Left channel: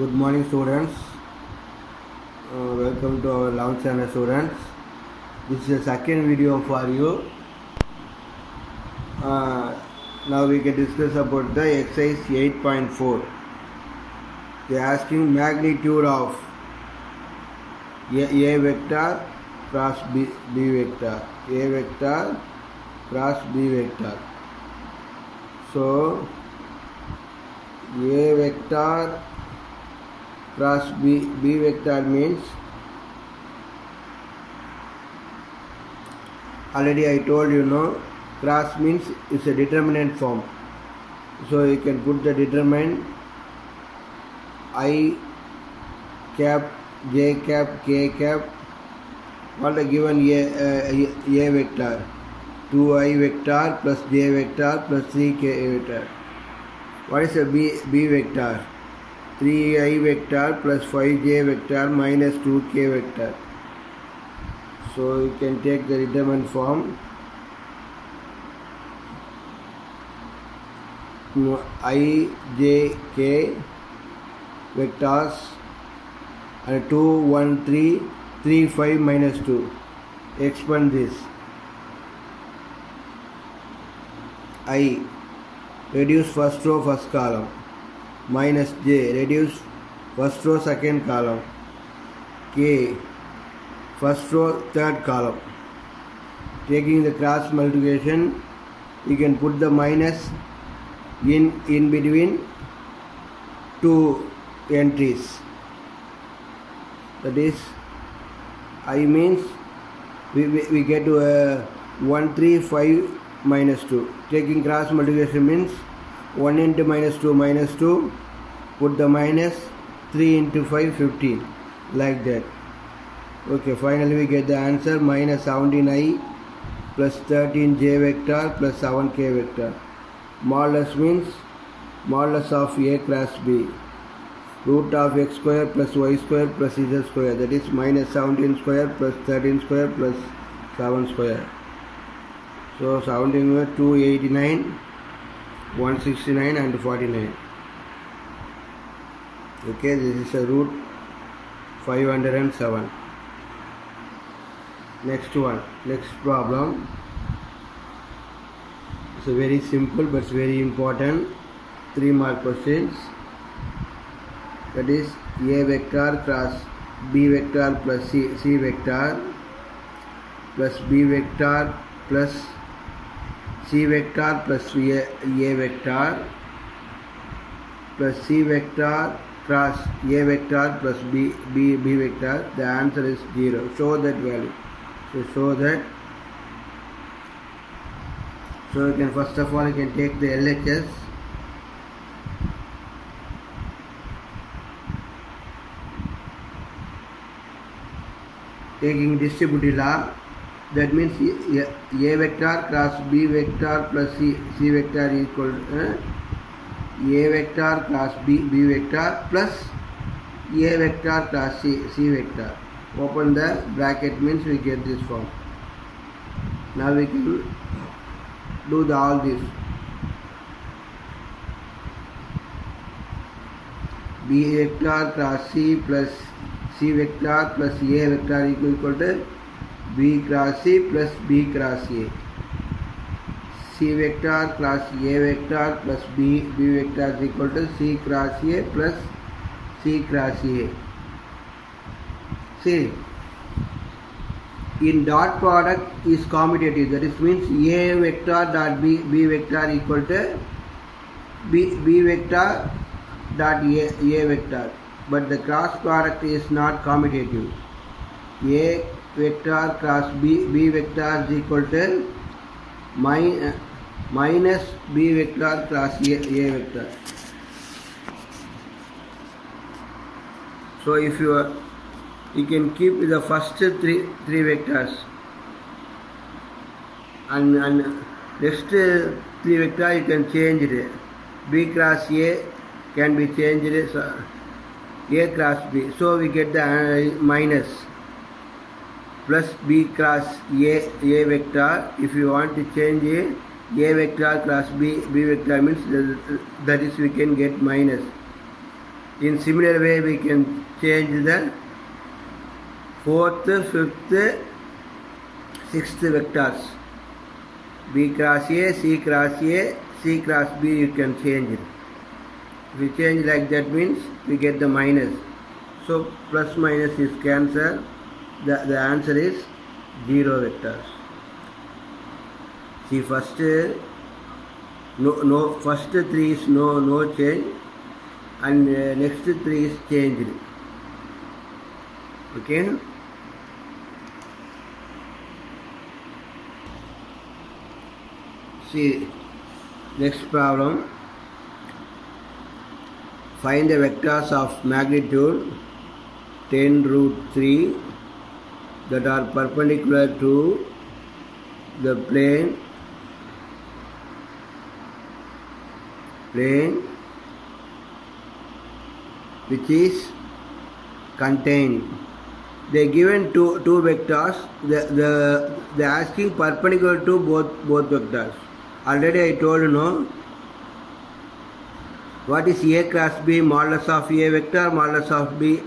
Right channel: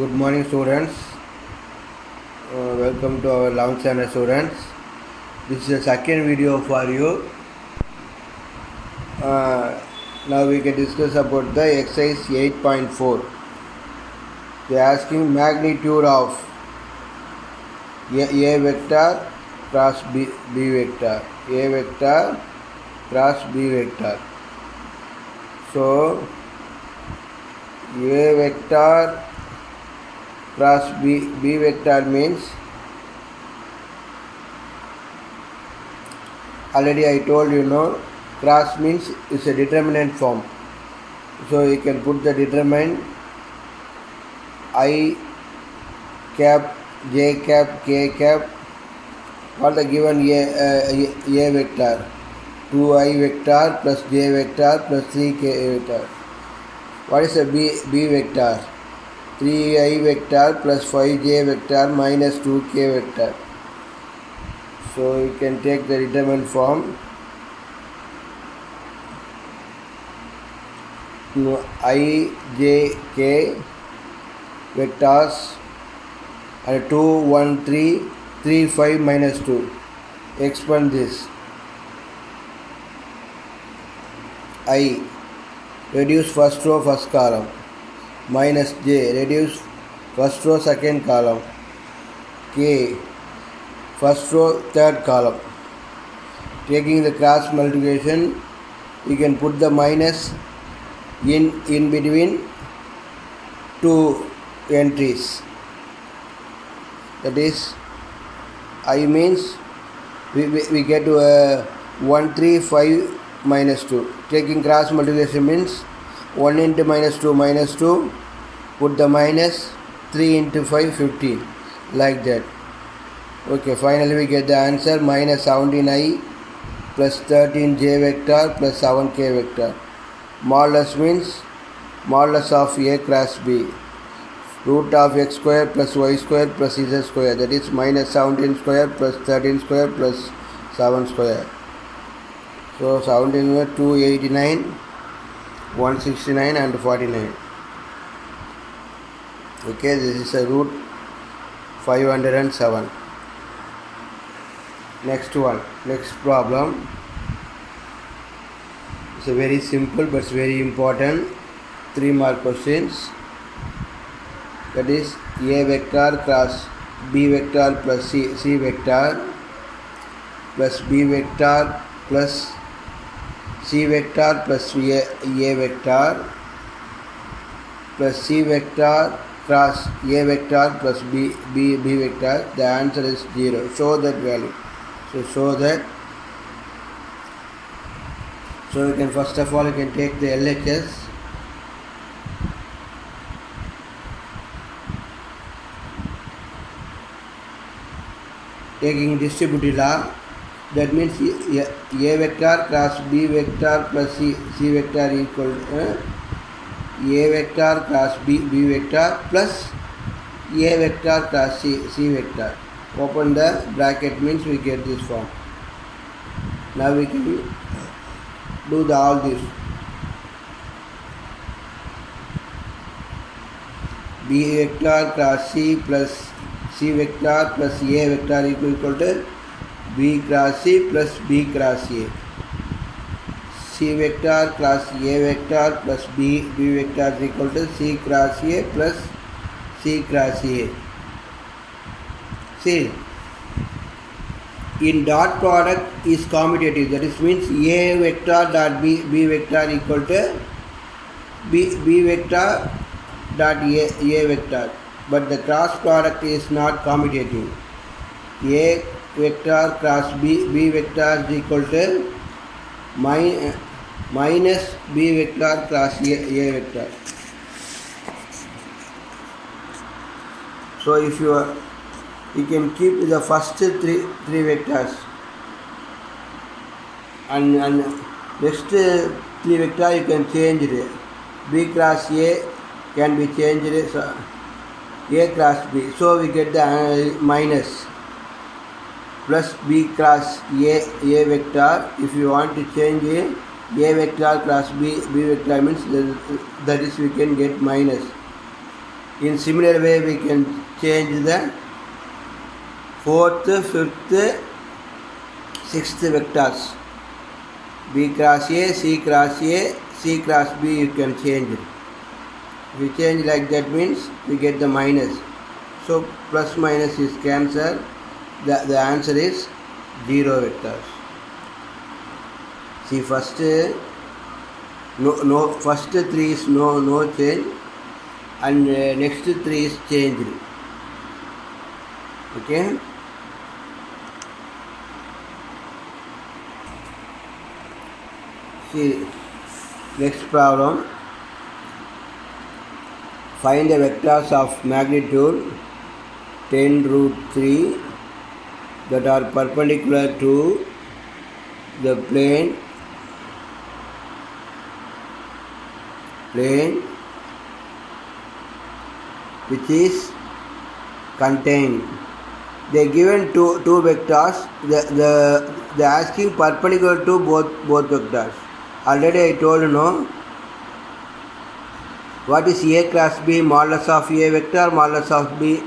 Good morning, students. Welcome to our Lounge Channel, students. This is the second video for you. Now we can discuss about the exercise 8.4. They are asking magnitude of A vector cross B vector. A vector cross B vector. So A vector cross B vector means, already I told you, cross means it's a determinant form. So you can put the determinant I cap, j cap, k cap for the given A vector. 2I vector plus j vector plus 3k vector. What is a B vector? 3I vector plus 5j vector minus 2k vector. So you can take the determinant form. I, j, k vectors are 2, 1, 3, 3, 5 minus 2. Expand this. I, reduce first row first column, minus j, reduce first row second column, k, first row third column. Taking the cross multiplication, you can put the minus in between two entries. That is, I means we get to 1, 3, 5 minus 2. Taking cross multiplication means 1 into minus 2, put the minus, 3 into 5, 15, like that. Okay, finally we get the answer minus 17I plus 13j vector plus 7k vector. Modulus means modulus of A cross B. Root of x square plus y square plus z square, that is minus 17 square plus 13 square plus 7 square. So 17 were 289, 169 and 49. Okay, this is a root 507. Next problem. It's a very simple but it's very important 3 mark questions. That is A vector cross B vector plus C vector plus B vector plus C vector plus A vector plus C vector cross A vector plus B vector. The answer is 0. Show that value. So show that. So you can, first of all, you can take the LHS. Taking distributive law, that means A vector cross B vector plus C vector equal A vector cross B vector plus A vector cross C vector. Open the bracket means we get this form. Now we can do all this. B vector cross C plus C vector plus A vector equal to B cross C plus B cross A. C vector cross A vector plus B vector is equal to C cross A plus C cross A. See, in dot product is commutative, that is means A vector dot B vector equal to B vector dot A vector, but the cross product is not commutative. A vector cross B vector is equal to minus B vector cross A vector. So if you can keep the first three vectors and next three vector you can change it. B cross A can be changed A cross B. So we get the minus plus B cross A vector. If you want to change A vector cross B vector means that is we can get minus In similar way, we can change the 4th, 5th, 6th vectors. B cross A, C cross A, C cross B, you can change it. If we change like that means we get the minus. So plus minus is cancelled. The answer is 0 vectors. See, first first 3 is no change, and next 3 is changed. Okay. See, next problem. Find the vectors of magnitude 10 root 3 that are perpendicular to the plane which is contained. They given two vectors. They asking perpendicular to both vectors. Already I told what is A cross B, modulus of A vector, modulus of B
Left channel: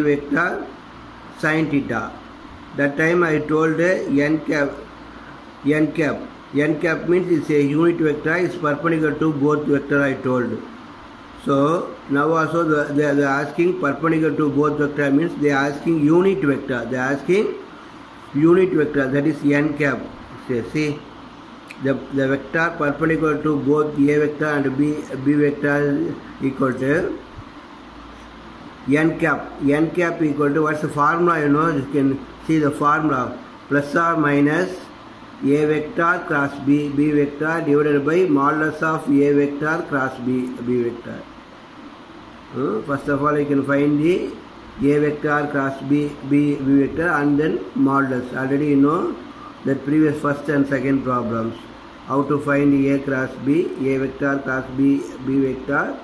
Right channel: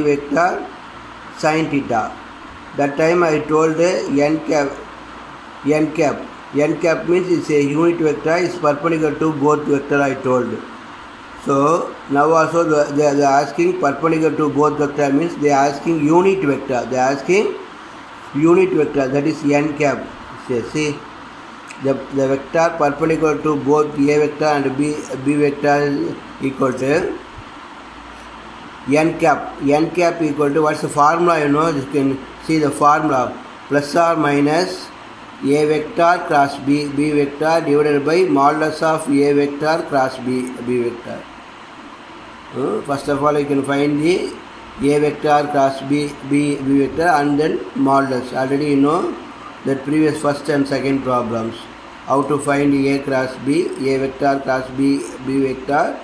vector, sin theta. That time I told n cap means it's a unit vector, is perpendicular to both vector I told. So now also they are asking perpendicular to both vector means they are asking unit vector. They are asking unit vector, that is n cap. See, the vector perpendicular to both A vector and B vector is equal to n cap. N cap equal to, what's the formula? You can see the formula, plus or minus A vector cross B vector divided by modulus of A vector cross B vector. First of all, you can find the A vector cross B vector and then modulus. Already you know that previous first and second problems. How to find A cross B, A vector cross B vector,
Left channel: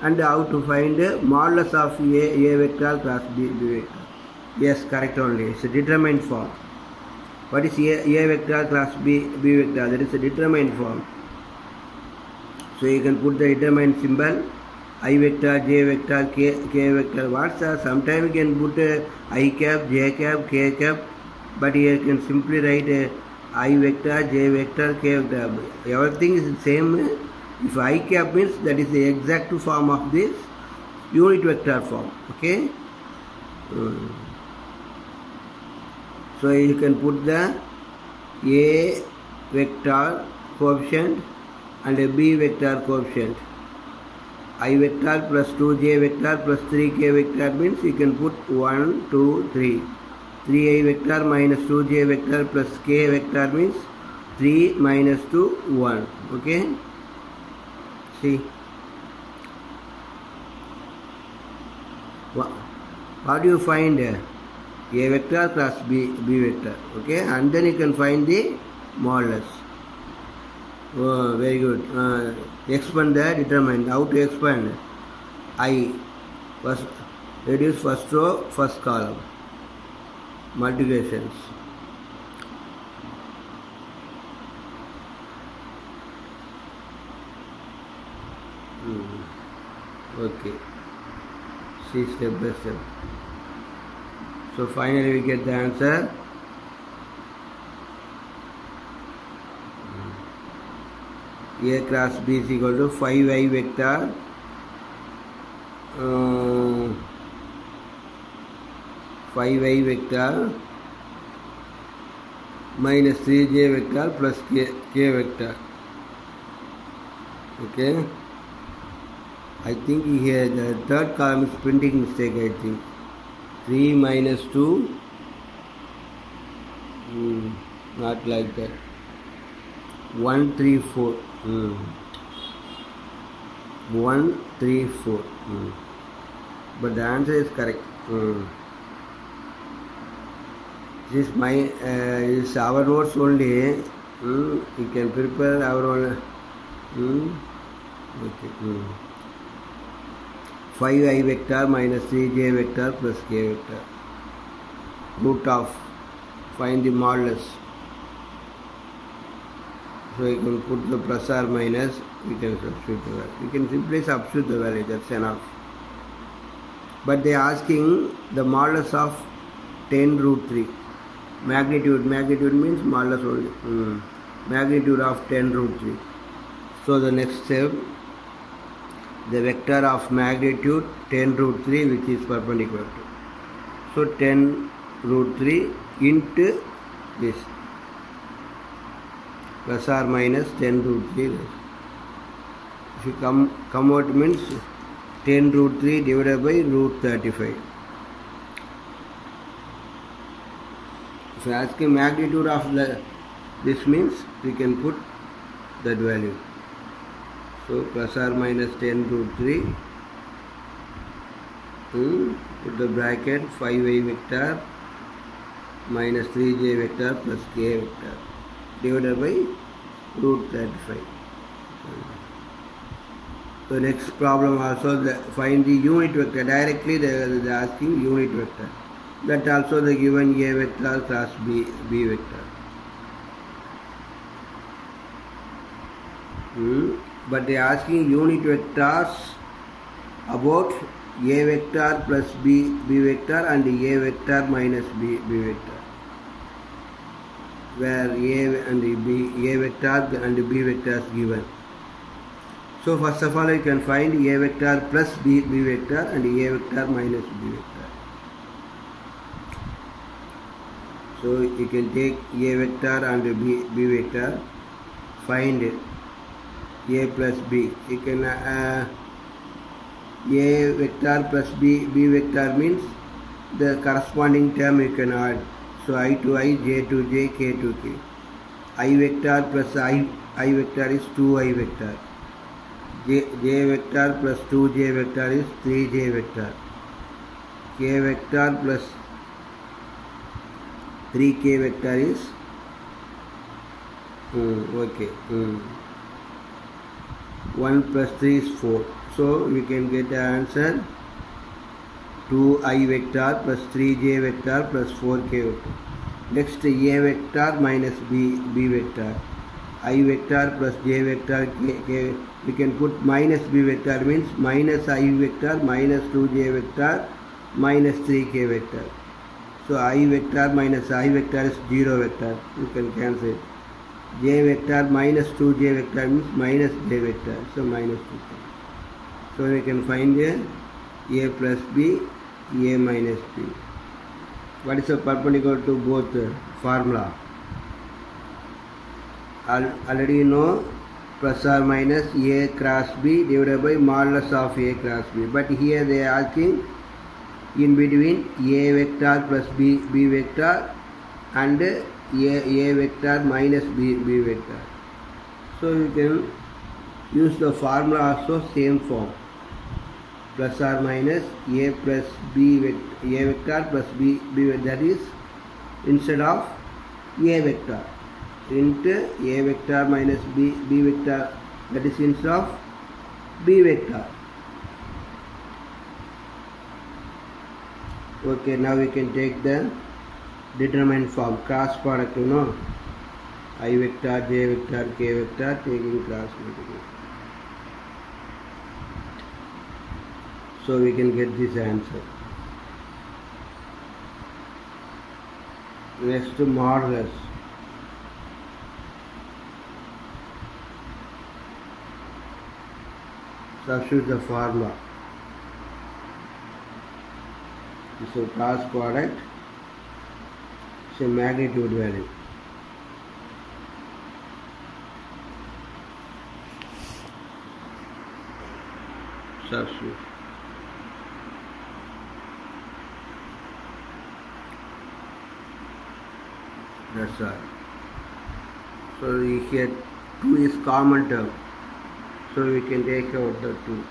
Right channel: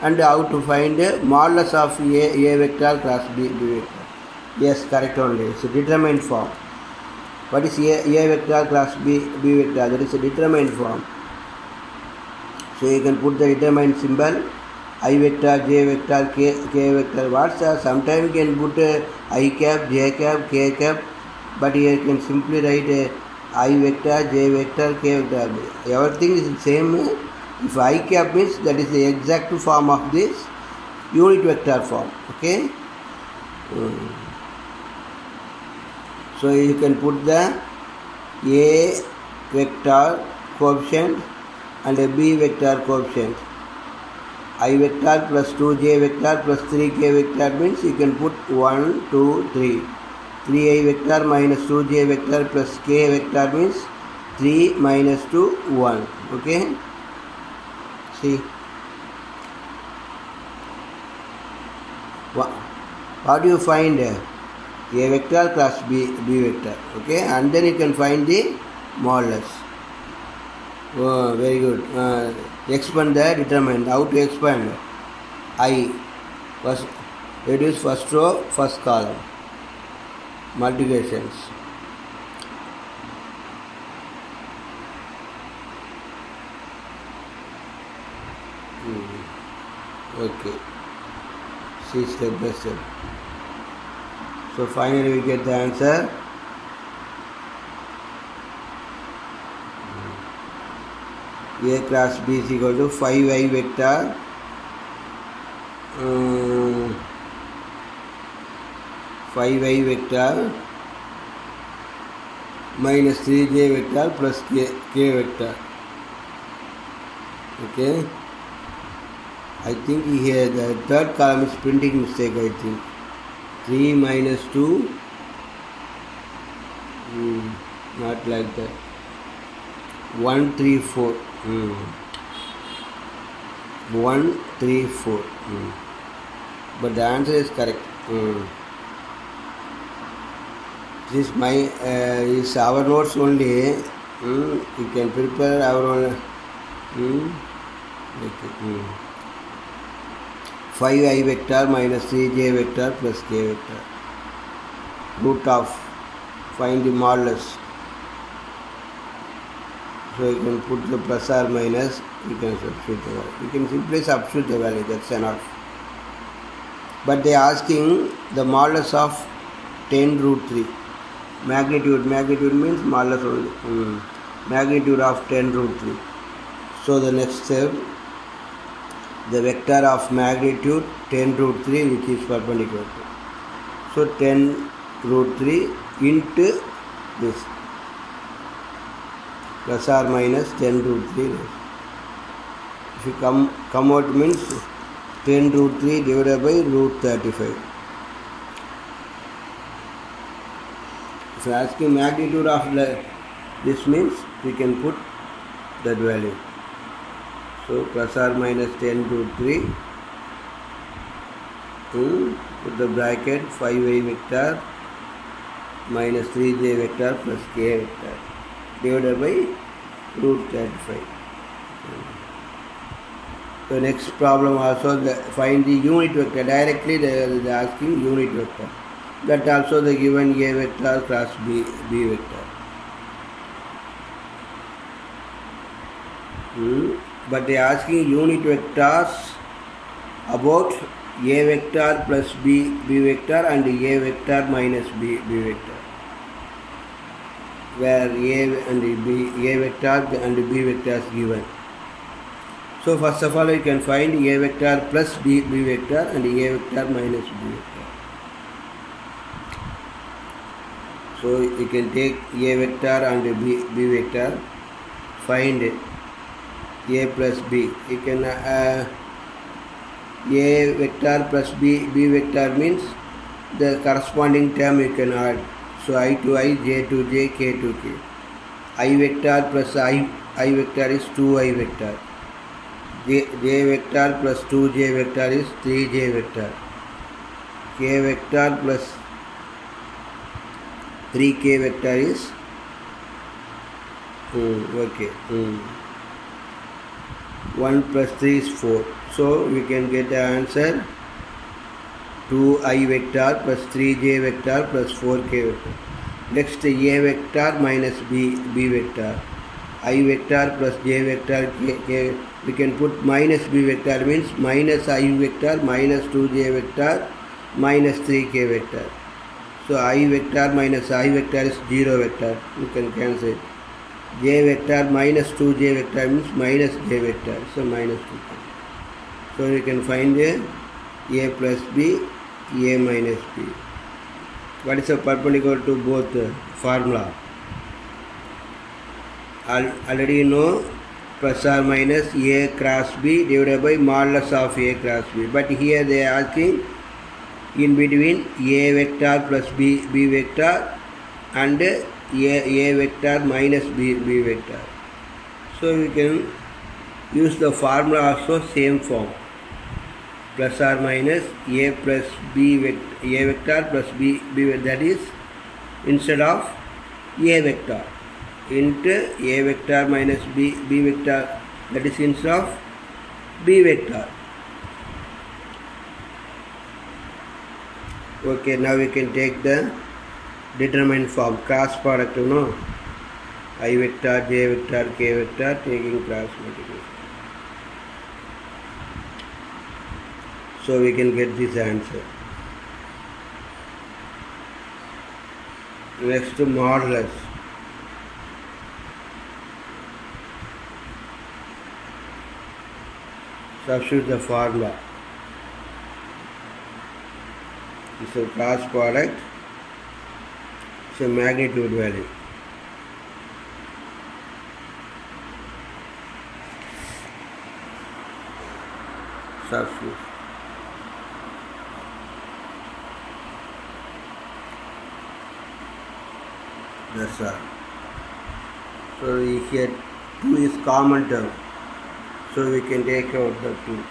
and how to find modulus of A vector cross B vector. Yes, correct only. It's a determined form. What is A vector cross B vector? That is a determined form. So you can put the determined symbol, I vector, J vector, K vector. Sometimes you can put I cap, J cap, K cap, but here you can simply write I vector, J vector, K vector. Everything is the same. If I cap means that is the exact form of this unit vector form. Okay. So you can put the A vector coefficient and a B vector coefficient. I vector plus 2J vector plus 3K vector means you can put 1, 2, 3. 3I vector minus 2J vector plus K vector means 3 minus 2, 1. Okay. See. What do you find? A vector cross B vector. Okay. And then you can find the modulus. Oh, very good. Expand the determinant. How to expand? I first reduce first row, first column. Multiplications. Okay. See step by step. So finally we get the answer. A cross B is equal to 5I vector minus 3J vector plus K vector. Okay. I think here the third column is printing mistake. I think 3 minus 2. Not like that. 1, 3, 4. 1, 3, 4. But the answer is correct. This is my is our notes only. You can prepare our own. Okay. 5I vector minus 3J vector plus K vector. Root of, find the modulus. So you can put the plus or minus, you can substitute the value. You can simply substitute the value, that's enough. but they are asking the modulus of 10 root 3. Magnitude means modulus only. Magnitude of 10 root 3. So the next step, the vector of magnitude 10 root 3 which is perpendicular to. So 10 root 3 into this plus or minus 10 root 3. If you come out means 10 root 3 divided by root 35. If you are asking magnitude of this means we can put that value. So plus or minus 10 root 3, put the bracket 5y vector minus 3j vector plus k vector divided by root 35. The next problem also, find the unit vector. Directly they are asking unit vector. That also the given a vector cross b vector. But they are asking unit vectors about a vector plus b vector and a vector minus b vector, where a vector and b vector is given. So first of all you can find a vector plus b vector and a vector minus b vector. So you can take a vector and b vector, find a plus b. You can a vector plus b vector means the corresponding term you can add. So I to I, j to j, k to k. I vector plus I vector is 2i vector. J vector plus 2j vector is 3j vector. K vector plus 3k vector is 1 plus 3 is 4. So we can get the answer 2i vector plus 3j vector plus 4k vector. Next, a vector minus b vector. I vector plus j vector k. We can put minus b vector means minus I vector minus 2j vector minus 3k vector. So I vector minus I vector is 0 vector. You can cancel it. J vector minus 2j vector means minus j vector. So minus 2k. So you can find a plus b, a minus b. What is the perpendicular to both formula? Already you know plus or minus a cross b divided by modulus of a cross b. But here they are asking in between a vector plus b vector and a vector minus b vector. So we can use the formula also same form. Plus or minus a plus b vector, a vector plus b vector, that is instead of a vector into a vector minus b vector, that is instead of b vector. Okay, now we can take the determinant form, cross product, you know, I vector, j vector, k vector, taking cross multiplication. So we can get this answer. Next, modulus. Substitute the formula. It's a cross product. It's a magnitude value. Substitute. That's all. So here 2 is common term. So we can take out the 2.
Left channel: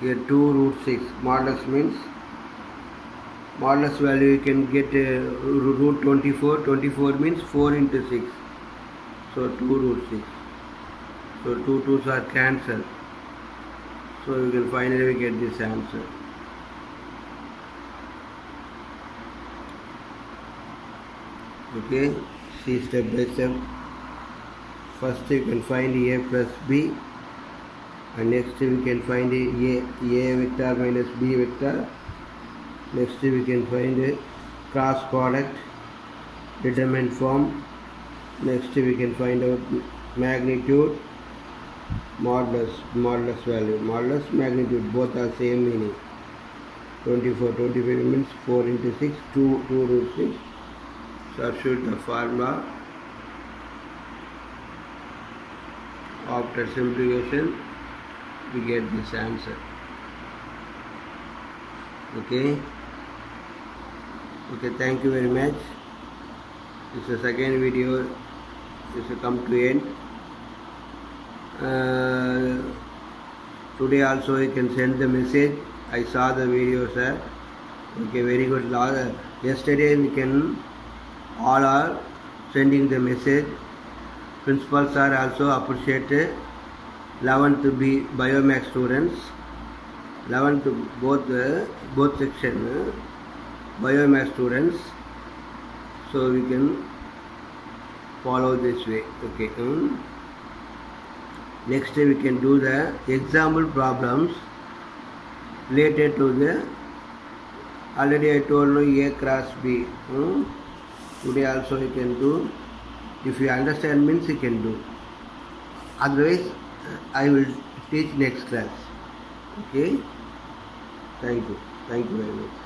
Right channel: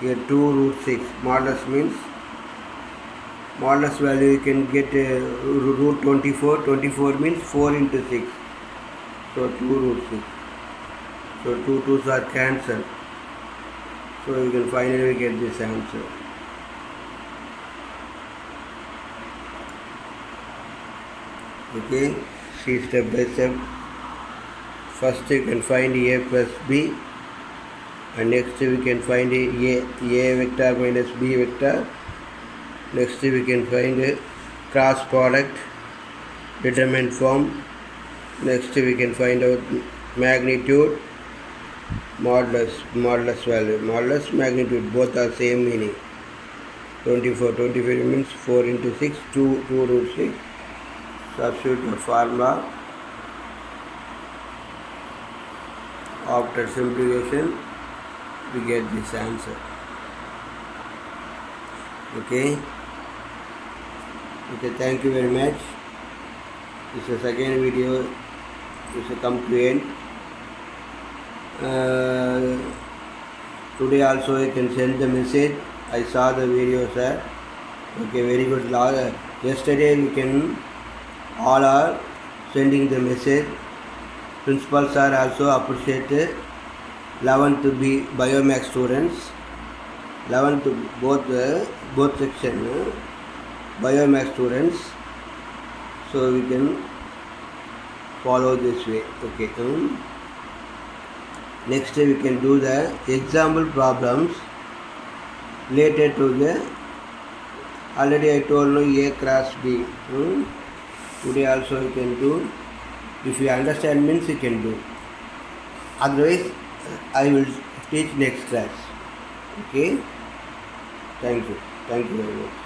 Here 2 root 6. Modulus means modulus value you can get root 24. 24 means 4 into 6. So 2 root 6. So 2 2's are cancelled. So you can finally get this answer. Okay, see step by step. First you can find a plus b, and next we can find a vector minus b vector. Next we can find cross product, determinant form. Next we can find out magnitude, modulus value, modulus magnitude, both are same meaning. 25 means 4 into 6, 2 root 6. Substitute the formula. After simplification, we get this answer. Okay, thank you very much. This is the second video. This will come to end. Today also you can send the message. I saw the video, sir. Okay, very good. Yesterday we can all are sending the message. Principal sir also appreciate 11th B Biomax students. 11th both section Biomax students. So we can follow this way. Okay. Next we can do the example problems related to the, already I told you A cross B. Today also you can do. If you understand means you can do. Otherwise I will teach next class. Okay. Thank you very much.